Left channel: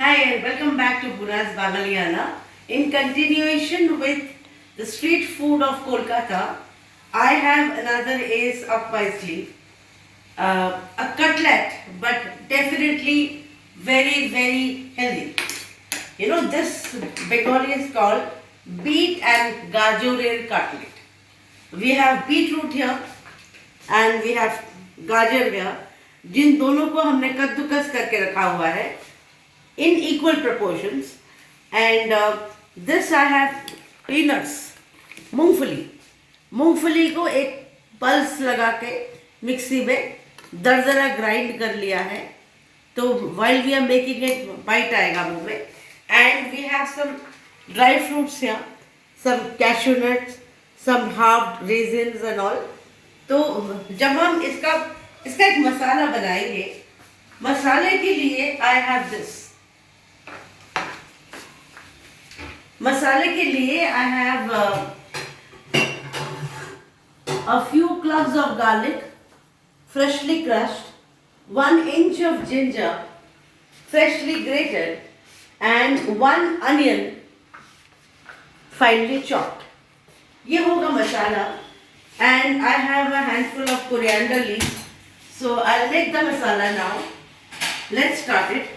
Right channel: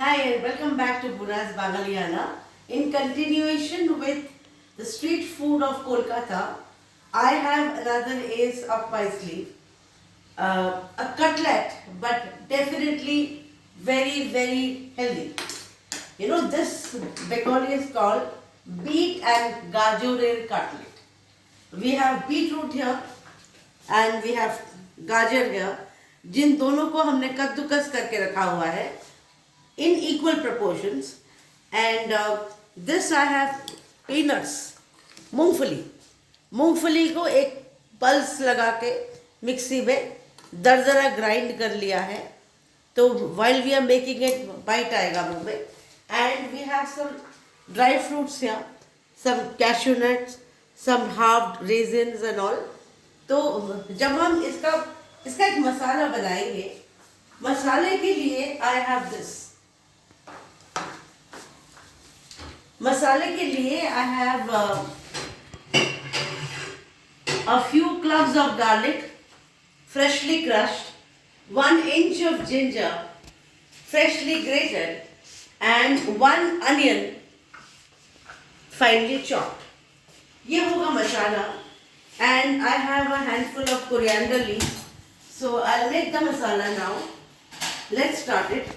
Hi and welcome back to Buna's Bangaliana. In continuation with the street food of Kolkata, I have another ace up my sleeve. A cutlet, but definitely very healthy. You know, this Bengali is called Beet and Gajar cutlet. We have beetroot here and we have Gajar here. जिन दोनों को हमने कद्दूकस करके रखा हुआ है in equal proportions, and this I have peanuts, मूंगफली को एक पल्स लगा के मिक्सी में दरदरा ग्राइंड कर लिया है. तो while we are making it, bite आएगा मुंह में. And we have some dry fruits here, some cashew nuts, some halved raisins and all. तो जब हम इसका एक मसाला बनाएंगे, मसाले के लिए I have this. मसाले के लिए I have a few cloves of garlic, freshly crushed, 1 inch of ginger, freshly grated, and 1 onion, finely chopped. ये होगा मसाला. And I have a handful of coriander leaves. So I'll make the masala now. Let's start it.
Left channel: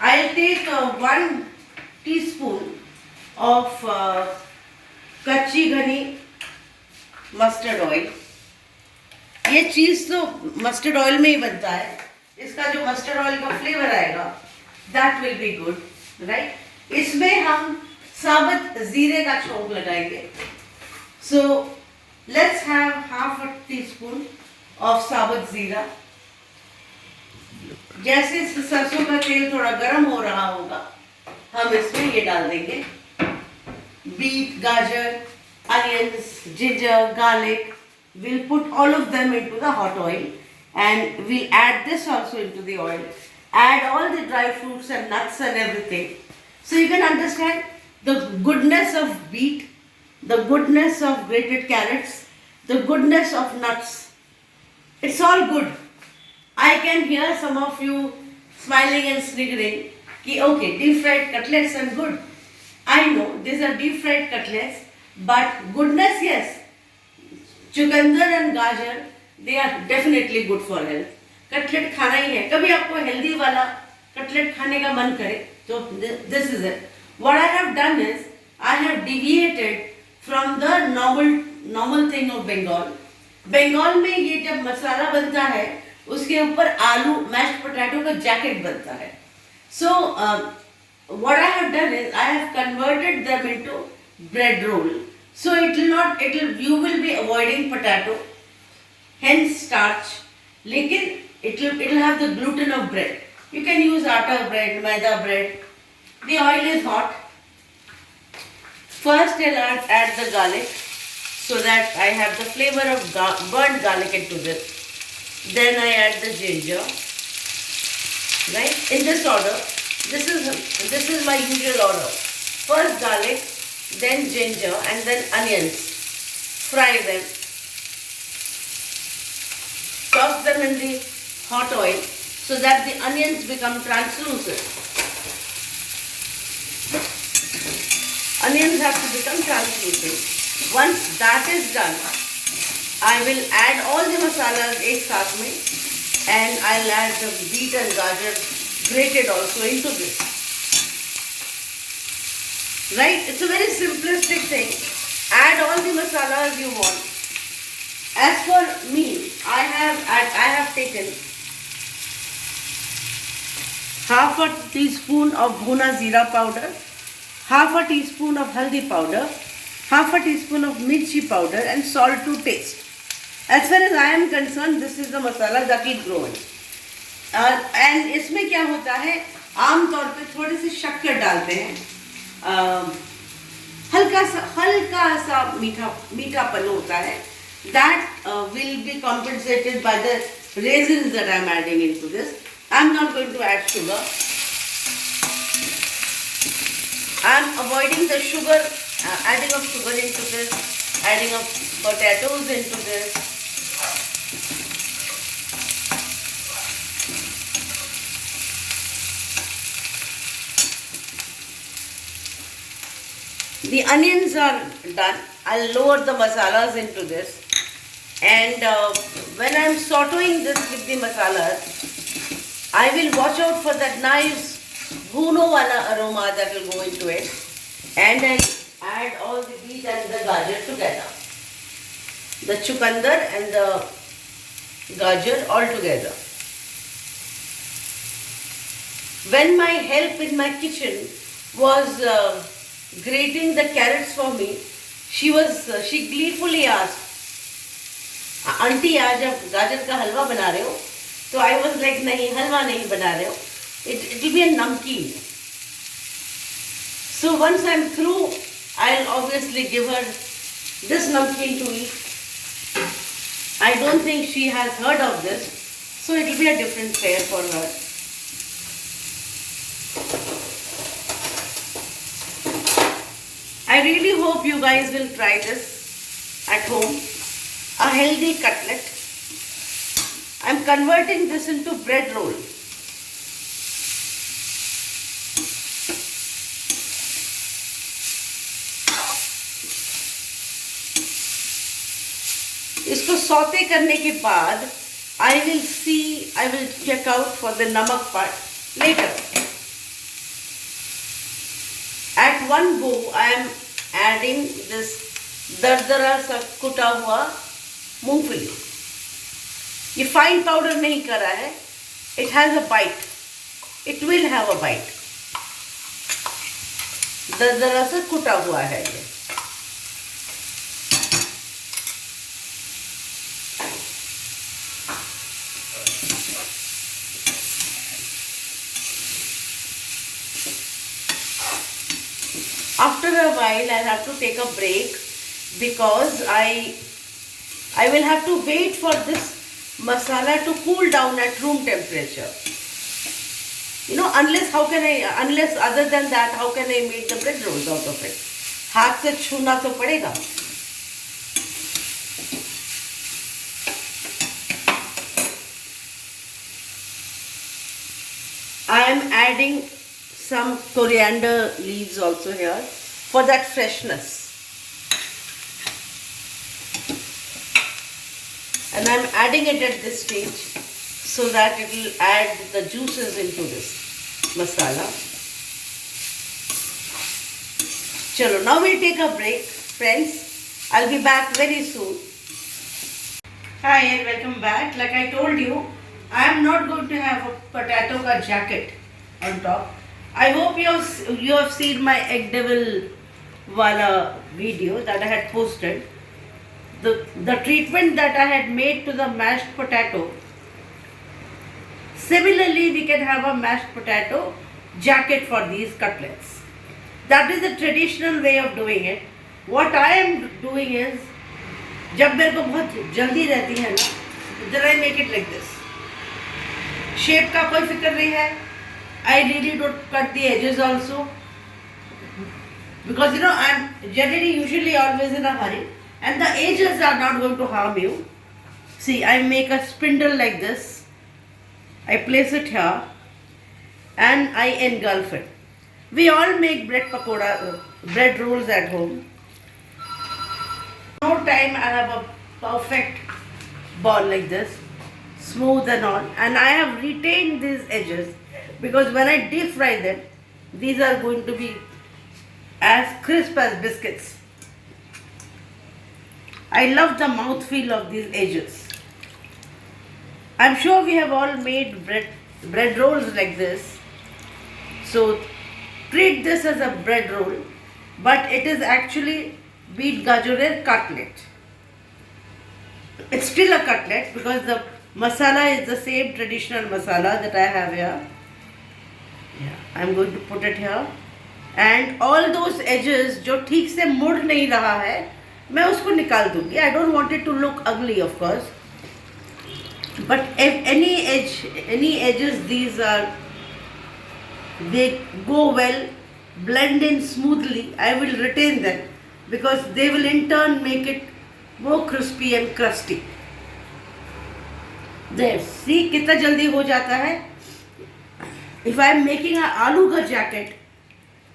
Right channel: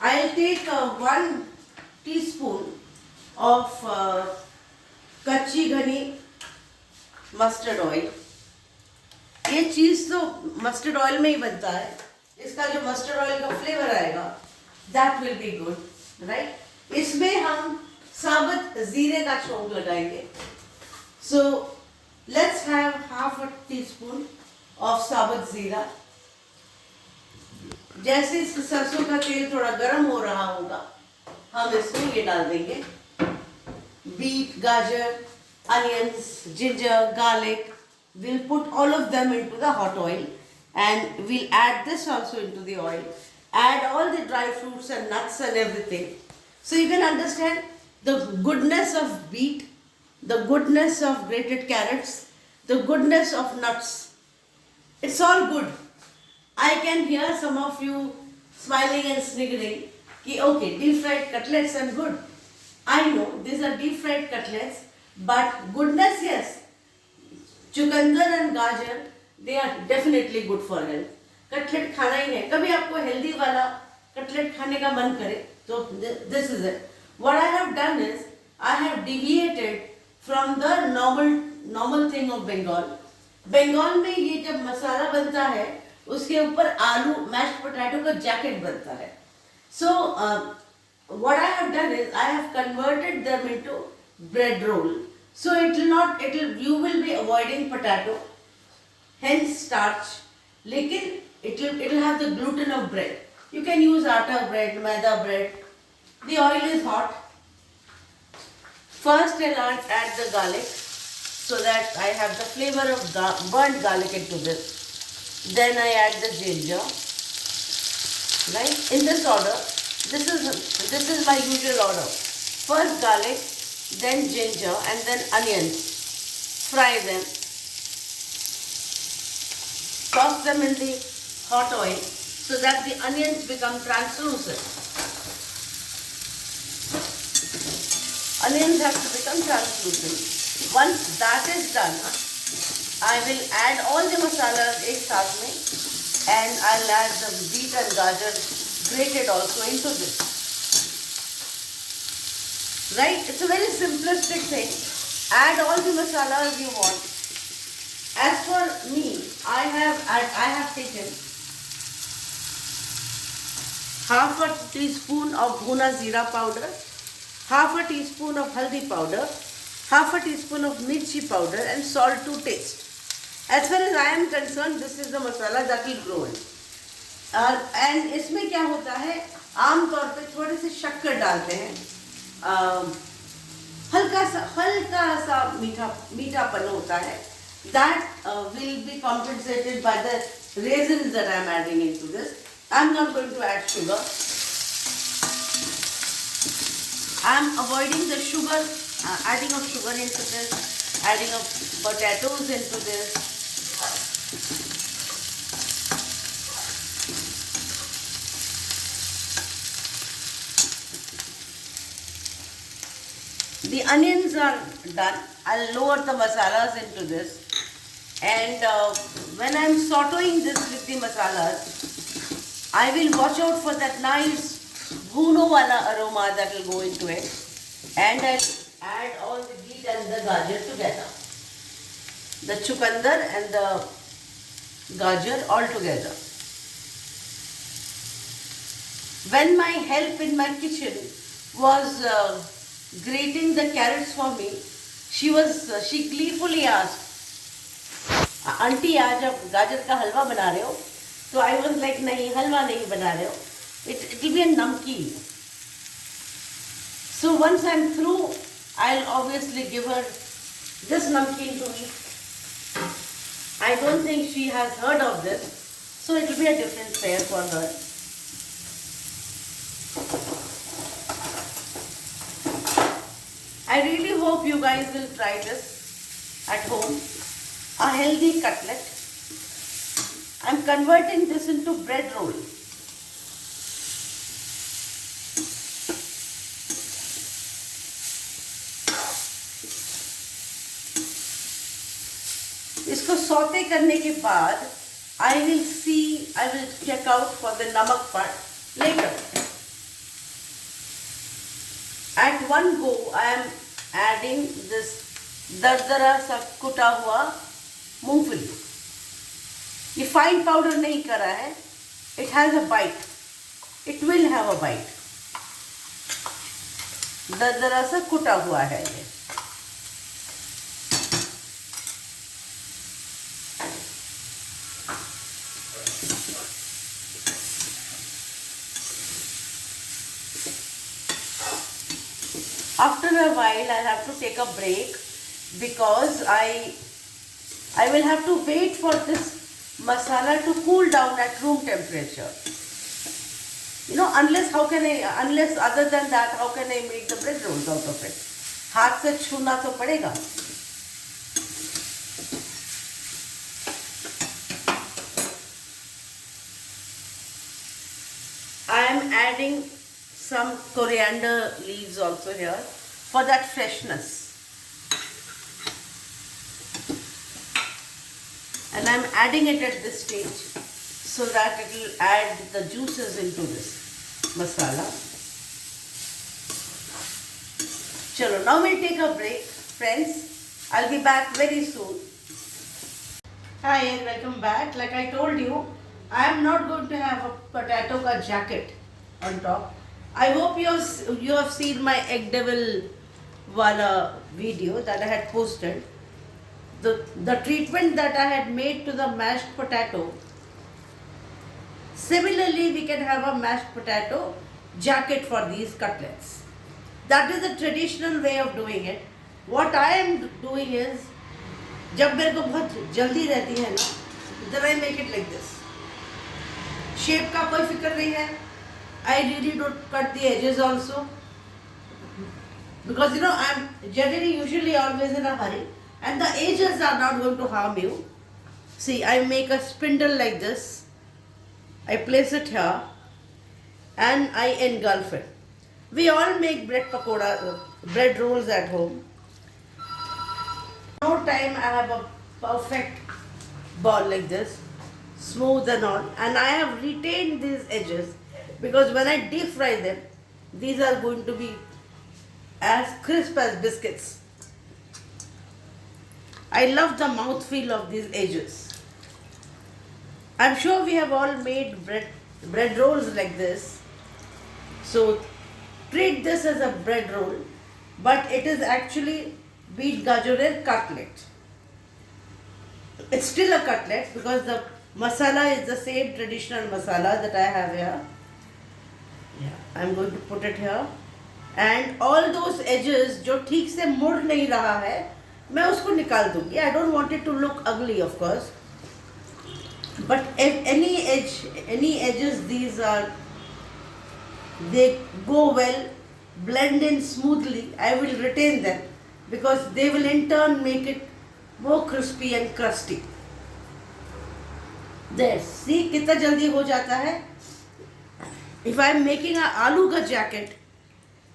I'll take 1 teaspoon of कच्ची घनी mustard oil. ये चीज़ तो mustard oil में ही बनता है. इसका जो मस्टर्ड ऑयल का फ्लेवर आएगा, that will be good, right? इसमें हम साबुत जीरे का छोंक लगाएंगे. So let's have half a teaspoon of साबुत जीरा. जैसे सरसों का तेल थोड़ा गर्म हो रहा होगा, हम इसमें ये डाल देंगे. बीट, गाजर, onions, ginger, garlic. We'll put all of them into the hot oil and we'll add this also into the oil. Add all the dry fruits and nuts and everything. So you can understand the goodness of beet, the goodness of grated carrots, the goodness of nuts. It's all good. I can hear some of you smiling and sniggering. Ki, okay, deep fried cutlets are good. I know these are deep fried cutlets, but goodness, yes. चुकंदर and गाजर, they are definitely good for health. Cutlet खाना ही है. कभी आपको healthy वाला cutlet खाने का मन करे तो this is it. What I have done is I have deviated from the normal thing of Bengal. Bengal में ये जब मसाला बनता है, उसके ऊपर आलू मैश्ड पोटैटो का जैकेट बनता है. So what I have done is I have converted them into bread roll. So you will be avoiding potato, hence starch. लेकिन it will have the gluten of bread. You can use atta bread, maida bread. The oil is hot. First I'll add the garlic so that I have the flavor of burnt garlic into this. Then I add the ginger. Right? In this order. This is my usual order. First garlic, then ginger, and then onions. Fry them. Toss them in the hot oil so that the onions become translucent. Onions have to become translucent. Once that is done, I will add all the masalas एक साथ में, and I'll add the beet and gajar grated also into this. Right? It's a very simplistic thing. Add all the masalas you want. As for me, I have taken half a teaspoon of bhuna jeera powder, half a teaspoon of haldi powder, half a teaspoon of mirchi powder, and salt to taste. As far as I am concerned, this is the masala that will grow in. And इसमें क्या होता है, आम तौर पे थोड़ी सी शक्कर डालते हैं. हल्का सा मीठापन होता है. That will be compensated by the raisins that I am adding into this. I am not going to add sugar. I am avoiding the sugar, adding of sugar into this, adding of potatoes into this. The onions are done. I'll lower the masalas into this. And when I'm sauteing this with the masalas, I will watch out for that nice bhuno wala aroma that will go into it. And I'll add all the beet and the gajar together. The chukandar and the gajar all together. When my help in my kitchen was grating the carrots for me, she gleefully asked, "Auntie, आज आप गाजर का हलवा बना रहे हो?" So I was like, "नहीं, हलवा नहीं बना रहे हो. It will be a namkeen." So once I'm through, I'll obviously give her this namkeen to eat. I don't think she has heard of this, so it will be a different fare for her. I really hope you guys will try this at home. A healthy cutlet. I'm converting this into bread roll. इसको saute करने के बाद I will check out for the namak part later. At one go, I am adding this दरदरा सा कुटा हुआ मूंगफली. ये फाइन पाउडर नहीं करा है. It has a bite. It will have a bite. दरदरा सा कुटा हुआ है ये. After a while, I'll have to take a break because I will have to wait for this masala to cool down at room temperature. You know, unless other than that, how can I make the bread rolls out of it? हाथ से छूना तो पड़ेगा. I am adding some coriander leaves also here for that freshness. And I'm adding it at this stage so that it will add the juices into this masala. Chalo, now we'll take a break, friends. I'll be back very soon. Hi and welcome back. Like I told you, I am not going to have a potato ka jacket on top. I hope you have seen my egg devil wala video that I had posted. The treatment that I had made to the mashed potato. Similarly, we can have a mashed potato jacket for these cutlets. That is the traditional way of doing it. What I am doing is, जब मेरे को बहुत जल्दी रहती है ना, then I make it like this. Shape का कोई फिक्र नहीं है. I really don't cut the edges also, because I'm usually always in a hurry, and the edges are not going to harm you. See, I make a spindle like this. I place it here, and I engulf it. We all make bread rolls at home. No time I have a perfect ball like this, smooth and all, and I have retained these edges because when I deep fry them, these are going to be as crisp as biscuits. I love the mouthfeel of these edges. I'm sure we have all made bread rolls like this. So treat this as a bread roll, but it is actually beet gajar cutlet. It's still a cutlet because the masala is the same traditional masala that I have here. Yeah, I'm going to put it here. And all those edges जो ठीक से मुड़ नहीं रहा है, मैं उसको निकाल दूँगी. I don't want it to look ugly, of course. But if any edges, they go well, blend in smoothly, I will retain them because they will in turn make it more crispy and crusty. There, see कितना जल्दी हो जाता है. If I am making an aloo ka jacket,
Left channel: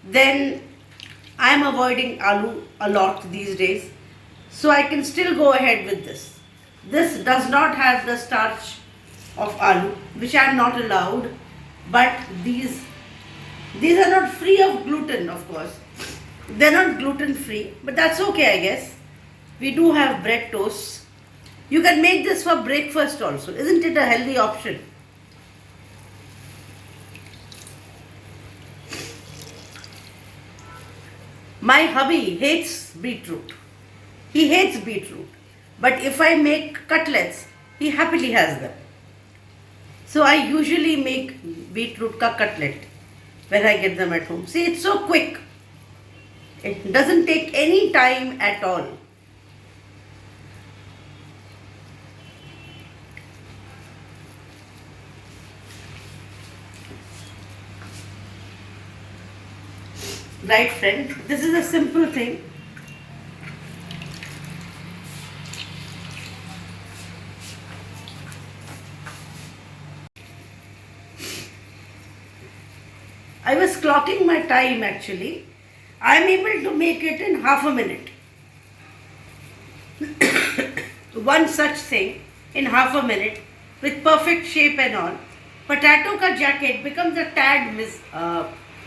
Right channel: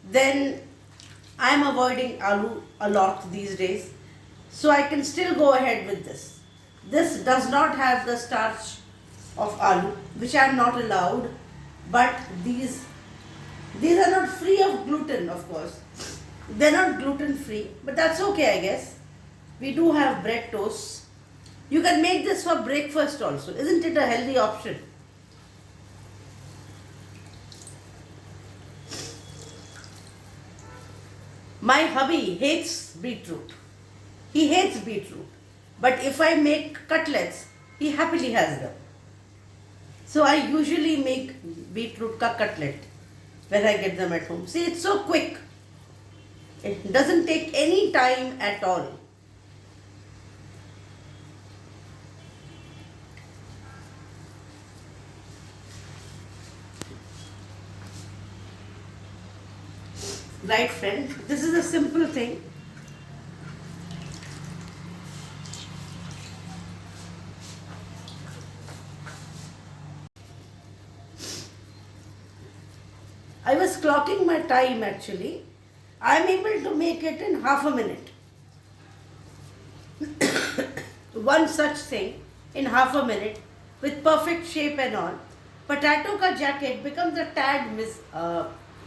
then I am avoiding aloo a lot these days, so I can still go ahead with this. This does not have the starch of aloo, which I am not allowed, but these are not free of gluten, of course. They're not gluten free, but that's okay, I guess. We do have bread toasts. You can make this for breakfast also. Isn't it a healthy option? My hubby hates beetroot. He hates beetroot. But if I make cutlets, he happily has them. So I usually make beetroot ka cutlet when I get them at home. See, it's so quick. It doesn't take any time at all. Right, friends? This is a simple thing. I was clocking my time actually. I am able to make it in half a minute. One such thing in half a minute with perfect shape and all. Potato ka jacket becomes a tad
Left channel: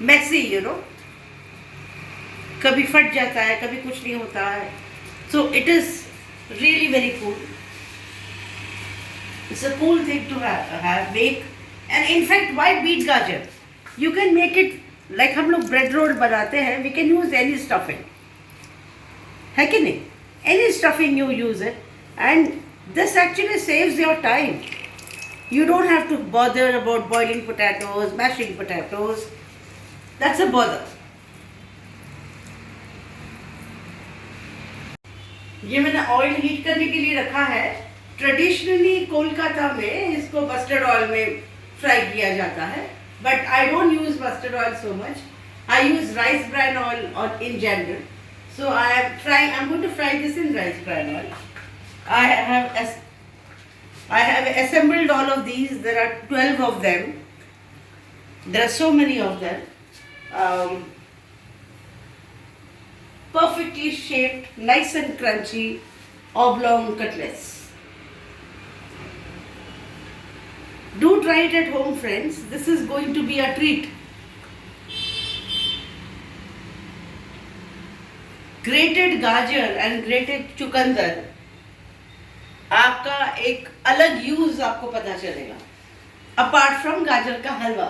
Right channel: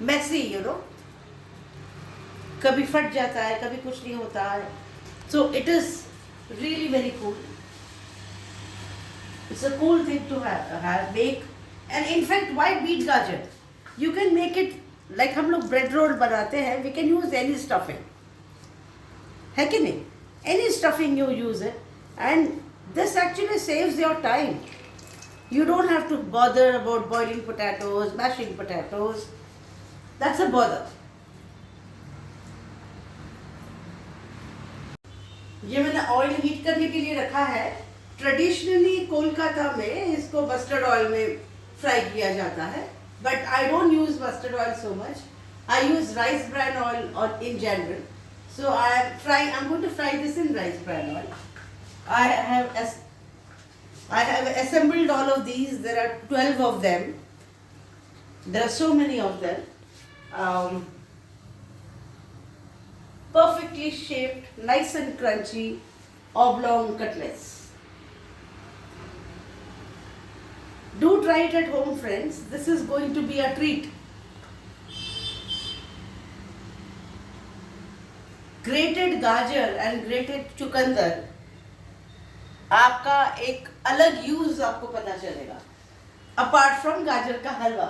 messy, you know. कभी फट जाता है, कभी कुछ नहीं होता है. So it is really very cool. It's a cool thing to make. And in fact, why beet gajar? You can make it like हम लोग bread roll बनाते हैं. We can use any stuffing. है कि नहीं? Any stuffing you use it, and this actually saves your time. You don't have to bother about boiling potatoes, mashing potatoes. That's a bother. ये मैंने oil heat करने के लिए रखा है. ट्रेडिशनली कोलकाता में इसको मस्टर्ड ऑयल में फ्राई किया जाता है, but I don't use mustard oil so much. I use rice bran oil in general. So I'm going to fry this in rice bran oil. I have assembled all of these. There are 12 of them. There are so many of them. Perfectly shaped, nice and crunchy, oblong cutlets. Do try it at home, friends. This is going to be a treat. Grated गाजर and grated चुकंदर, आपका एक अलग use आपको पता चलेगा apart from गाजर का हलवा.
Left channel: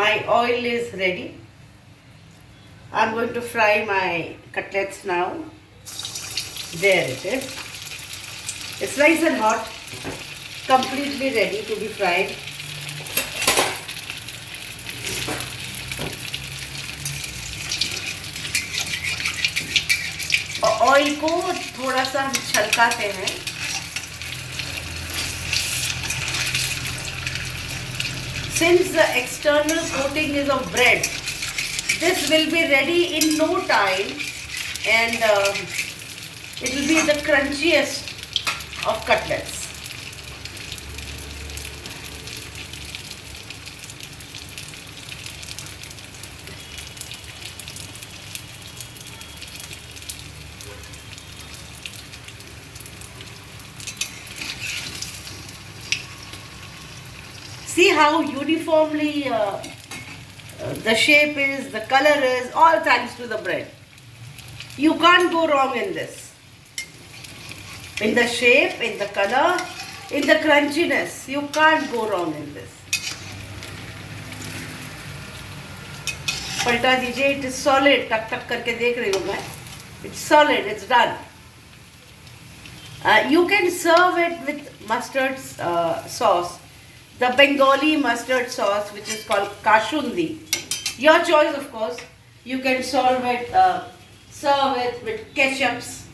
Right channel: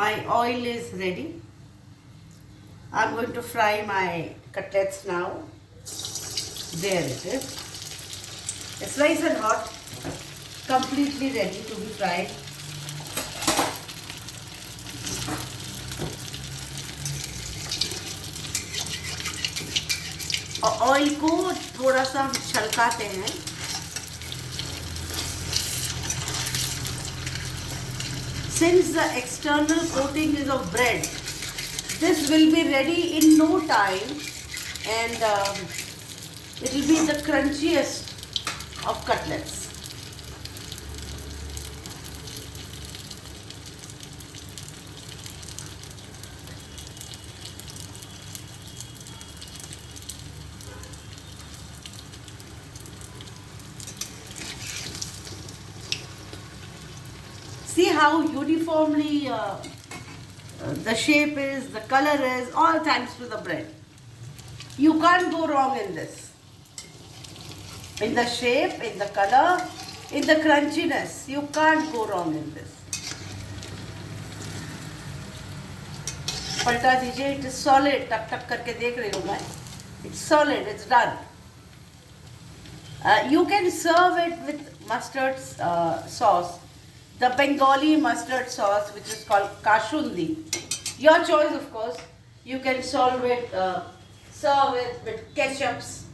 My oil is ready. I'm going to fry my cutlets now. There it is. It's nice and hot, completely ready to be fried. Oil को थोड़ा सा हम छलकाते हैं. Since the external coating is of bread, this will be ready in no time, and it will be the crunchiest of cutlets. See how uniformly the shape is, the color is, all thanks to the bread. You can't go wrong in this. In the shape, in the color, in the crunchiness, you can't go wrong in this. पलटा दीजिए. It is solid. टक टक करके देख रही हूँ मैं. It's solid. It's done. You can serve it with mustard sauce. The Bengali mustard sauce, which is called kashundi. Your choice, of course. You can serve it with ketchups.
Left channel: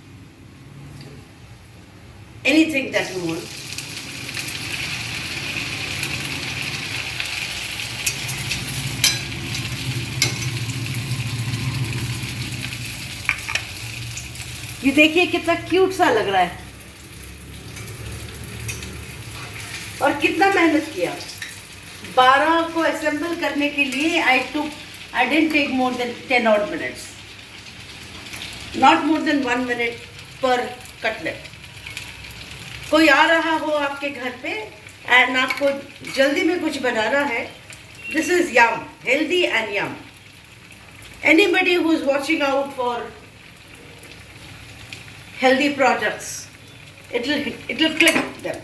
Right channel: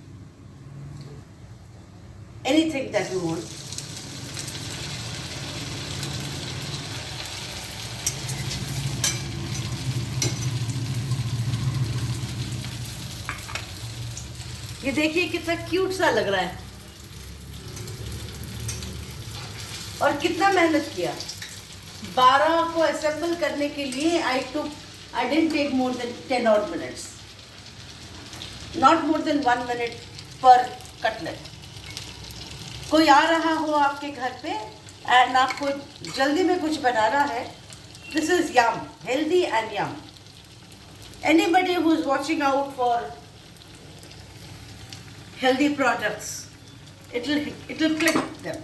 Anything that you want. ये देखिए कितना cute सा लग रहा है. और कितना मेहनत किया, 12 को असेंबल करने के लिए आई didn't take more than 10 odd minutes, not more than 1 minute per cutlet. कोई आ रहा हो आपके घर पे एंड आपको जल्दी में कुछ बनाना है, this is yum, healthy and yum. Anybody who's watching out for healthy products, it will click them.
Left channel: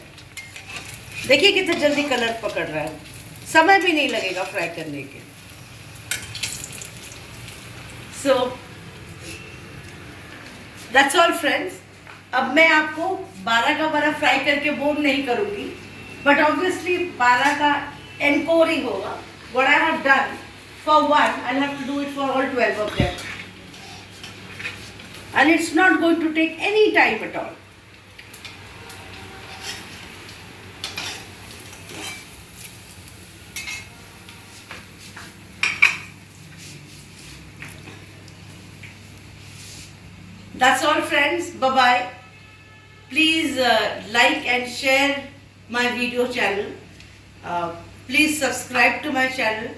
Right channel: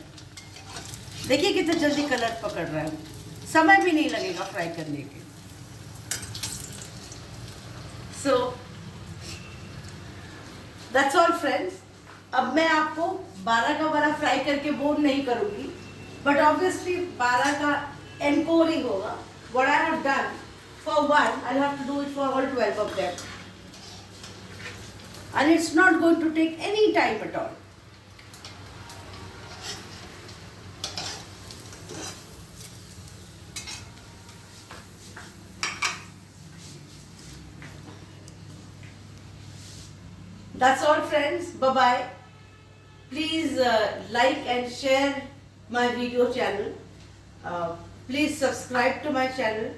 देखिए कितना जल्दी कलर पकड़ रहा है, समय भी नहीं लगेगा फ्राई करने के. So that's all friends. अब मैं आपको 12 का 12 फ्राई करके बोर नहीं करूंगी, बट ऑब्वियसली 12 का एनकोर ही होगा. What I have done for one, I'll have to do it for all 12 of them. And it's not going to take any time at all. That's all friends. Bye-bye. Please like and share my video channel. Please subscribe to my channel.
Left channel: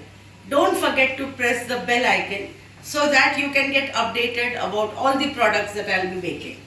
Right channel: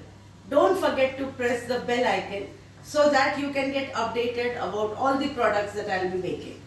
Don't forget to press the bell icon so that you can get updated about all the products that I'll be making.